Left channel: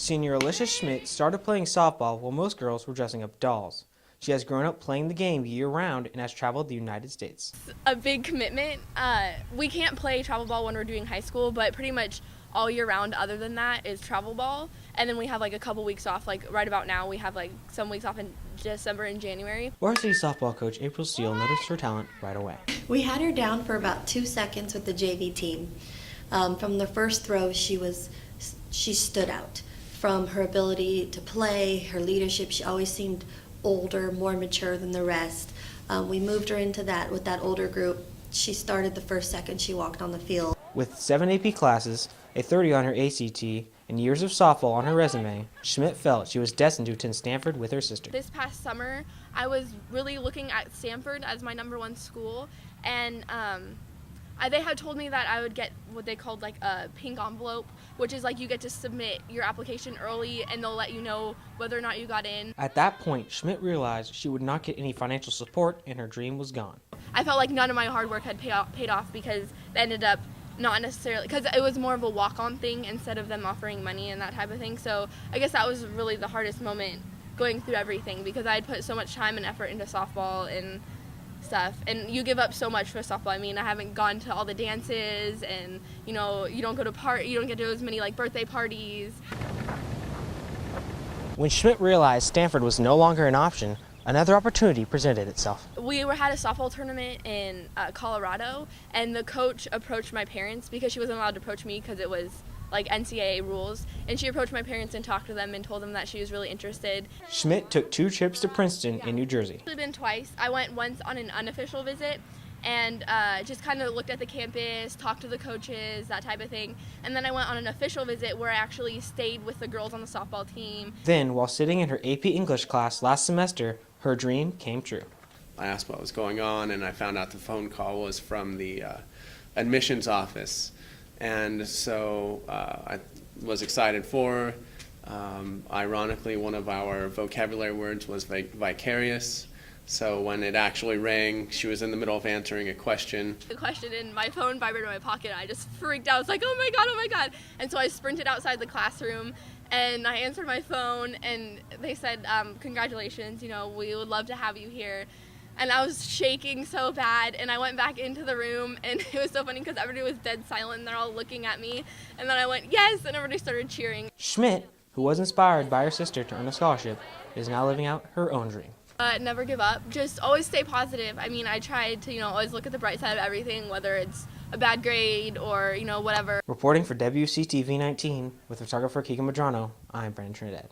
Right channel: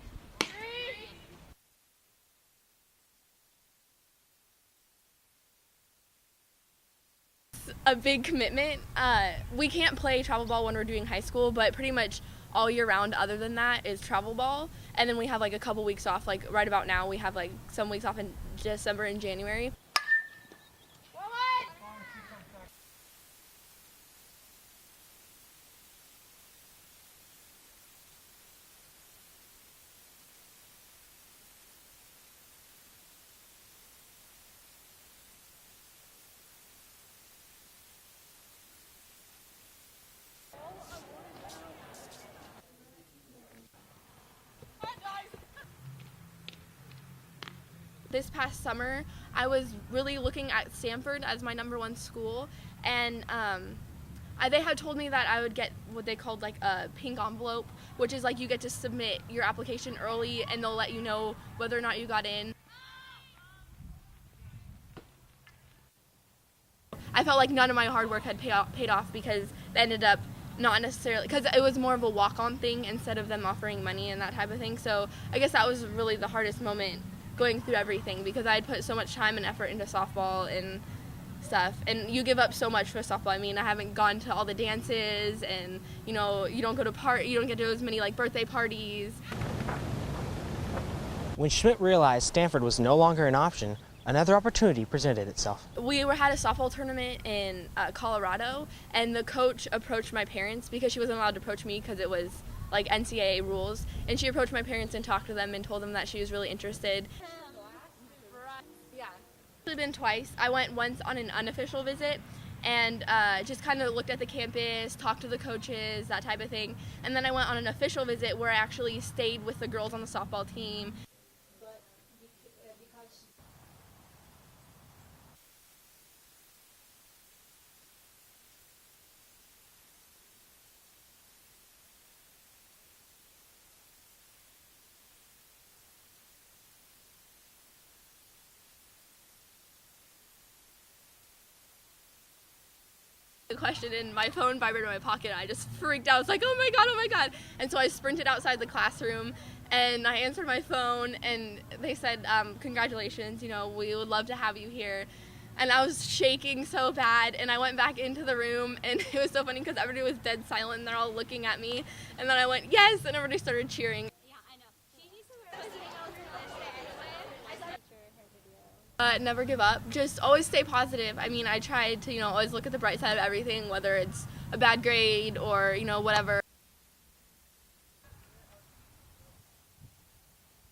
Senior Alicia Schmidt started playing softball while most girls were dressing up dolls. She has grown up playing the game year-round and has traveled the United States. A big commitment. We can't play travel ball when we're doing high school, but pretty much all year round other than that is travel ball. And then we have like a couple weeks off, like right about now we have like some weeks off in December and January. Varsity softball coach April Steele noticed her talent right away. We had her down for about 2 seconds with the JV team. From the first throw, she stood out. From her ability to play, her leadership, she always seemed older, more mature than the rest. We moved her into that with that older group. She started the first second she walked on the field. With 7 AP classes, a 30 on her ACT, and years of softball on her resume, Schmidt felt she was destined to attend Stanford with her sister. This past summer, I was really looking at Stanford as my #1 school, and they had told me that I would get what they called like a pink envelope, which is like you get to submit your application early and they'll let you know whether or not you got in. At that point, Schmidt realized she would not get any financial support and her dream was gone. I felt like none of my hard work had paid off because it ended up not necessarily, because it was more of a walk-on thing instead of them offering money and that type of thing. So I guess that was really the hardest moment going through everything because I had put so much time and effort into softball and stuff, and you give up so much for softball. I mean, I haven't gone to all the dances, and you know, you don't get to as many like birthday parties. When Schmidt realized Stanford was no longer an option, another opportunity presented itself. We had a softball tournament in Colorado, and the coach approached my parents because she wasn't allowed to approach me because it was like NCAA rules, and she approached my parents and talked to them and told them that she was really interested. Schmidt took 2 trips to Princeton in New Jersey. I've been twice. I went once on an unofficial visit and just kind of looked at the campus, talked to the coaches, that type of thing. And then I went on an official visit where I actually stayed with the girls on the softball team. Then, while sitting in her AP English class last semester, her dream came true. I asked what was going on, and I found out the phone call was from the admissions office. And so I was excited for her. Ironically, one of our vocabulary words was vicarious. So when it actually rang, she was in the middle of answering a question. The question in my phone vibrated in my pocket. I just freaked out. I was like, oh my God, oh my God. And so I sprinted outside the classroom and I answered my phone and they said, congratulations, you know, we would love to have you here. And I was shaking so bad, and I went back into the room, and it was so funny because everybody was dead silent, and they're all looking at me. And then I went, yes, and everybody started cheering. Schmidt, who was inspired by her sister to earn a scholarship, is now living out her own dream. Never give up. Just always stay positive. I mean, I tried to, always look at the bright side of everything, whether it's a bad grade or, whatever. Reporting for WCTV 19 with photographer Keegan Medrano, I'm Brandon Trinidad.